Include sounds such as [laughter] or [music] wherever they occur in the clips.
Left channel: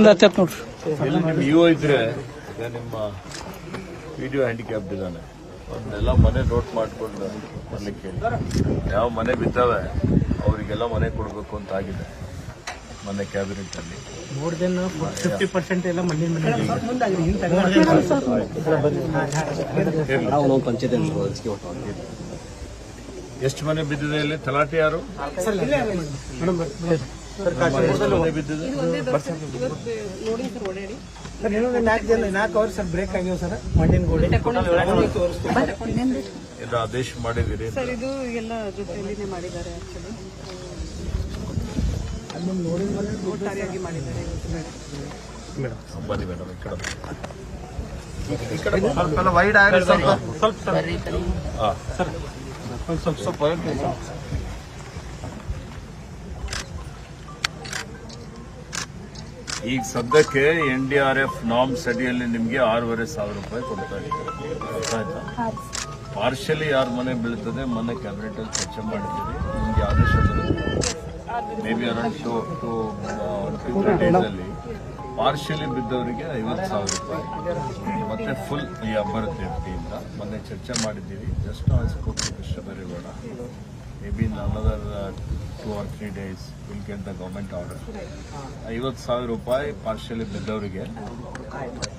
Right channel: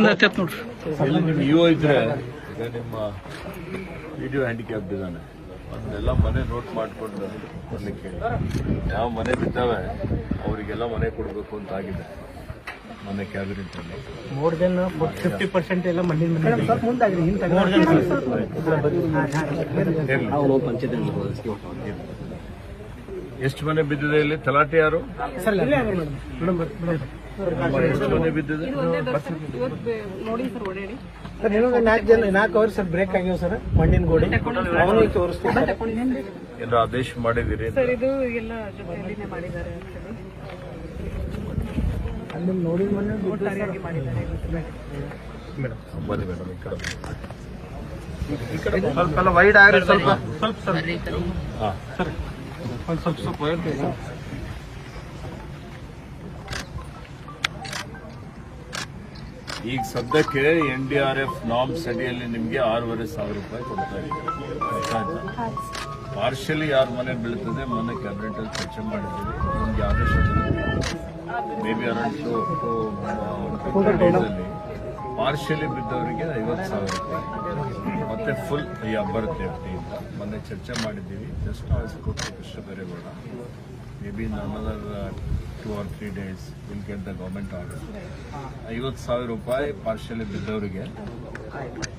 ನೋಡ್ರಿ. ಇಒ ಇದ್ರೆ ಈಗ ನಿಮ್ಮ ವಿಡಿಯೋ ಹ್ಯಾಂಡಿಕ್ಯಾಪ್ಟ್ ಇದ್ದಾನೆ ಅದನ್ನೆಲ್ಲ ಮನೆ ನೋಟ್ ಮಾಡ್ಕೊಂಡು ಬರ್ಲಿಕ್ಕೆ. ಯಾವ ಮನೆ ಬಿದ್ದಾವೆ ಅವರಿಗೆಲ್ಲ ಮನೆ ಕೊಡಬೇಕು ಅಂತ ಆಗಿದೆ. ಮನೆ ಕ್ಯಾಬಿನೆಟ್ ಅಲ್ಲಿ. ಮೋರ್ ದೆನ್ ಫಿಫ್ಟಿ ಪರ್ಸೆಂಟ್ ಎಲ್ಲ ಮಣ್ಣಿನ ಮನೆ ಎಷ್ಟು ಮನೆ ಬಿದ್ದಿದೆ ಇಲ್ಲಿ? ತಲಾಟೆ ಯಾರು? ಸ್ವಲ್ಪ ಆದೇಶ ಮಾಡಿದಿರಿ? ಸರ್ ಇದು ಎಲ್ಲ ಜೊತೆಯಲ್ಲಿನೇ ಮಾಡಿದ್ದಾರೆ ಅಲ್ಲಿ ನೋಡಿದ ಮನೆ ಒಟ್ಟಾರೆಯಾಗಿ ಮಾಡಿದ್ದಾರೆ ಬನ್ನಿ ಮೇಡಮ್ ಈ ಕಡೆ. ಸ್ವಲ್ಪ ವೈಡ್ ಸ್ವಲ್ಪ ಸ್ವಲ್ಪ ಸರ್ ಒಂದು ಸ್ವಲ್ಪ ಸ್ವಲ್ಪ ಈಗ ಸದ್ಯಕ್ಕೆ N D R F norms ಅಡಿಯಲ್ಲಿ ನಿಮಗೆ ಆರೂವರೆ ಸಾವಿರ ರೂಪಾಯಿ ಕೊಡ್ತಾ ಇದ್ದಾರೆ ಅರ್ಥ ಪಾರ್ಷಲಿ ಯಾರ ಮನೆ ಬೀಳ್ತದೆ ಮನೆ ಕ್ಯಾಬಿನೆಟ್ ಅಲ್ಲಿ ಚರ್ಚೆ ಮಾಡಿದ್ದೀವಿ ನಿಮ್ಗೆ ಆದೇಶ ಬರುತ್ತೆ. ಫಿಫ್ಟಿ ಡೇಸ್ ಅಲ್ಲಿ ಬಿದ್ದವರಿಗೆ ಐವತ್ತು ಸಾವಿರ ರೂಪಾಯಿ. ಮತ್ತೆ ಫುಲ್ ಬರುತ್ತೆ ಎಫ್ಟಿಯಿಂದ ಮೊನ್ನೆ ಚರ್ಚೆ ಮಾಡಿದ್ದೀವಿ. ಜಸ್ಟ್ ನಾವು ಕೃಷ್ಣ ಬೇರೆ ಬೇಡ maybe in another two or three days will get the government order ಐವತ್ತು ಸಾವಿರ ರೂಪಾಯಿ ಪಾರ್ಶಲಿ ಬಿದ್ದವರಿಗೆ.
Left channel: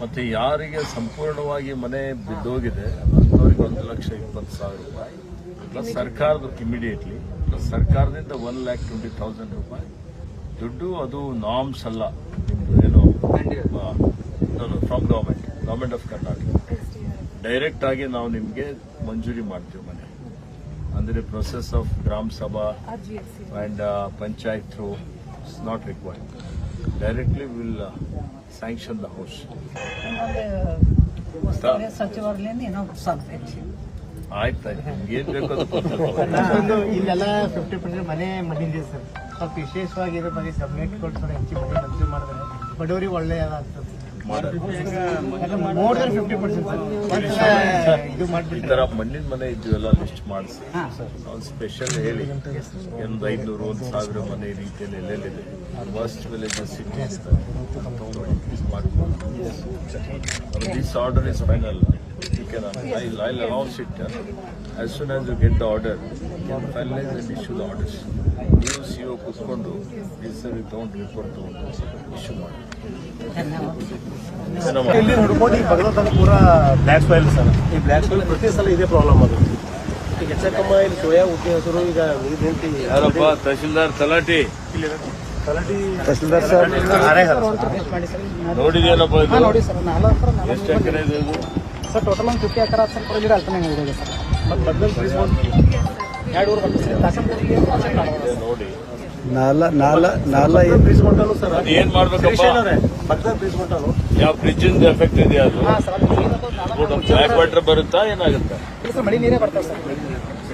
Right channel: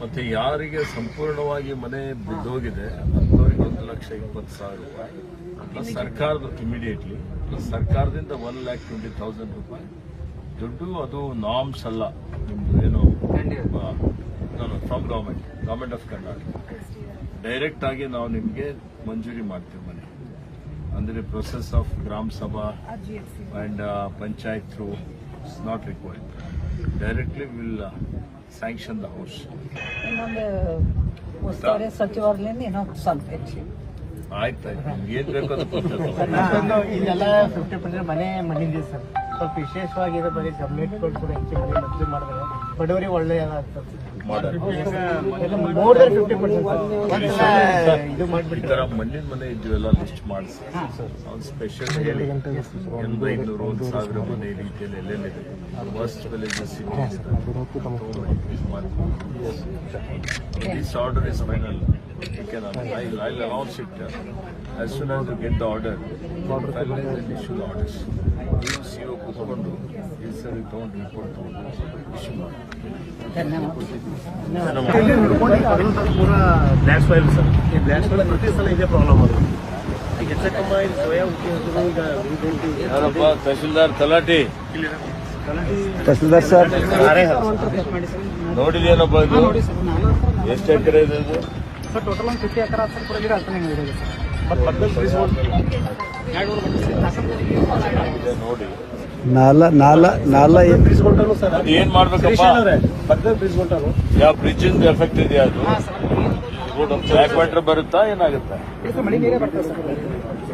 ಮತ್ತು ಯಾರಿಗೆ ಸಂಪೂರ್ಣವಾಗಿ ಮನೆ ಬಿದ್ದೋಗಿದೆ ಅಂಥವ್ರಿಗೆ ಒಂದು ಲಕ್ಷ ಇಪ್ಪತ್ತು ಸಾವಿರ ರೂಪಾಯಿ. ಪ್ಲಸ್ ಸರ್ಕಾರದ ಇಮಿಡಿಯೇಟ್ಲಿ ಪ್ಲಸ್ ಸರ್ಕಾರದಿಂದ ಒನ್ ಲ್ಯಾಕ್ ಟ್ವೆಂಟಿ ತೌಸಂಡ್ ರೂಪಾಯಿ. ದುಡ್ಡು ಅದು ನಾಮ್ಸ್ ಅಲ್ಲ ನಿಮ್ದು ಏನು from government government of Karnataka direct ಆಗಿ ನಾವು ನಿಮಗೆ ಮಂಜೂರಿ ಮಾಡ್ತೀವಿ ಮನೆ. ಅಂದ್ರೆ process of gram sabha and panchayat through it's and uh, panchayat through is not required. Directly will uh, sanction the house. ಇನ್ನೊಂದು ಉಸ್ತುವಾರಿ ಸ್ವಲ್ಪ ಹೆಚ್ಚಿ. ಏನ್ ಬೇಕೋ ಅದು ಕೊಡ್ತಾರೆ. [laughs] ಇಲ್ಲೆಲ್ಲ ಫಿಫ್ಟಿ ಪರ್ಸೆಂಟ್ ಮನೆ ಸರ್. ಸ್ವಲ್ಪ ವಿಶೇಷವಾಗಿ ಬರೀ ಕೊಡ್ತಾರೆ ಹೆಚ್ಚು ಮನೆ ಮಾಡಿದ್ರೆ ಬಡವರಿಗೆ ಒಳ್ಳೆ ಆಗ್ತದೆ ಈ ತರ ಮಣ್ಣಿನ ಮನೆ ಇದ್ದು ಎಲ್ಲ ಲಿಸ್ಟ್ ಮಾಡಿಸಿ ನಾವು ಸ್ಪೆಷಲ್ ಹೇಳಿ ಒಂದು ಐನೂರು ಒಂದು ಸಾವಿರ ಮನೆ ರೀತಿಯಲ್ಲಿ ಎಲ್ಲೆಲ್ಲಿದೆ worst villages this order is final I'll, I'll announce it. uh, As soon as you get the order, finalize and issue the orders. CO ಕೂತ್ಕೊಂಡು ಸರಿ ತಗೊಂಡು ರಿಪೋರ್ಟ್ ತಗೊಂಡು ಇಶ್ಯೂ ಮಾಡಿ ಪೂರ ಬ್ಲ್ಯಾಕ್ ಸ್ಮೆಲ್ ಸರ್ ಈ ಬ್ಲ್ಯಾಕ್ ಸ್ಮೆಲ್ ಪ್ರತಿ ಸಲ ಇದೇ? ಪ್ರಾಬ್ಲಮ್ ಅದು ಹೆಚ್ಚಕ್ಕಮ್ಮ ಇಲ್ಲಿ ಸುಳ್ಯ ಉದ್ಯೋಗರು ಈಗ ಉಳ್ಗುಂಟಿ ಯಾರಪ್ಪ ತಹಶೀಲ್ದಾರ್ ತಲಾಟಿ ನೋಡಿದೇನಪ್ಪ ಇದು ಎಷ್ಟು ಎಕರೆ ಇದೆ? ಸರ್ ಟೋಟಲ್ ಒಂದು ಫಿಫ್ಟಿ ಎಕರೆ ಸರ್ ಪರಗಿರ ಅರ್ಥನೇ ಹೋಗಿದೆ ಸರ್. ಮದ್ದಲ್ ಇದೆ ನೋಡಿ ನಾಲ ನಾಲ ನಾಲ ಸರ್ ಅದು ಏನ್ ಮಾಡ್ಬೇಕಪ್ಪ? ಬದ್ದಲ್ ಬೀಸ್ಕೊಂಡನು ಯಾವ ಬ್ರಿಡ್ಜ್ ಎಫೆಕ್ಟ್ ಇದೆಯಾ ಅದು? ಬ್ಲ್ಯಾಕ್ ವಾಟರ್ ಬರುತ್ತಾ, ಏನಾಗುತ್ತೆ?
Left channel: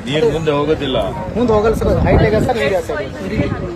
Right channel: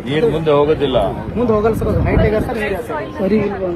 ನೀರು ಮುಂದೆ ಹೋಗೋದಿಲ್ಲ. ಮುಂದೆ ಹೋಗಲ್ಲ ಸರ್ ಹೈಟ್ ಇದೆ ಸರ್ ನೀರು ಸರ್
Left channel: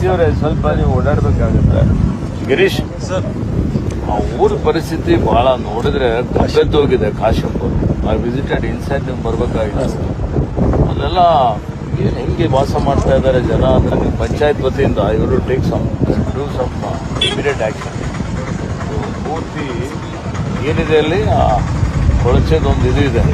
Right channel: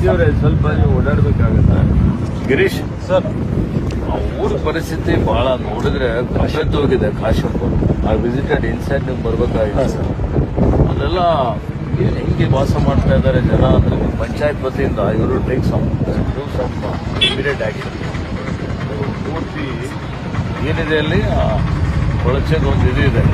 ಈಸಿಯವರೇ ಸ್ವಲ್ಪ ನೀವು ಓಡಾಡ್ಬೇಕಾಗುತ್ತೆ. ಗಿರೀಶ್ ಸರ್. ಆ ಊರ ಪರಿಸ್ಥಿತಿ ಬಹಳ ನೋಡಿದ್ರೆ ಕಗ್ಗದ್ದು ಹೋಗಿದೆ ಕಾಶಪ್ಪು. ಆ ವಿಸಿಟೆಡ್ ಇನ್ಸೈಡ್ ನೀವು ಬರ್ಬೇಕಾಗಿದೆ ಅದೆಲ್ಲ ಏನು ಹೆಂಗೆ ವಾಸ ಮಾಡ್ತಾ ಇದ್ದಾರೆ ಜನ ಅಂತ ಪಂಚಾಯತ್ ವತಿಯಿಂದ ಇದು take some do some immediate action ಪೂರ್ತಿ ಏನಿದೆ ಅಲ್ಲಿ? ಕೊಳಚೆದೊಂದು ಇದು ಇದೆ.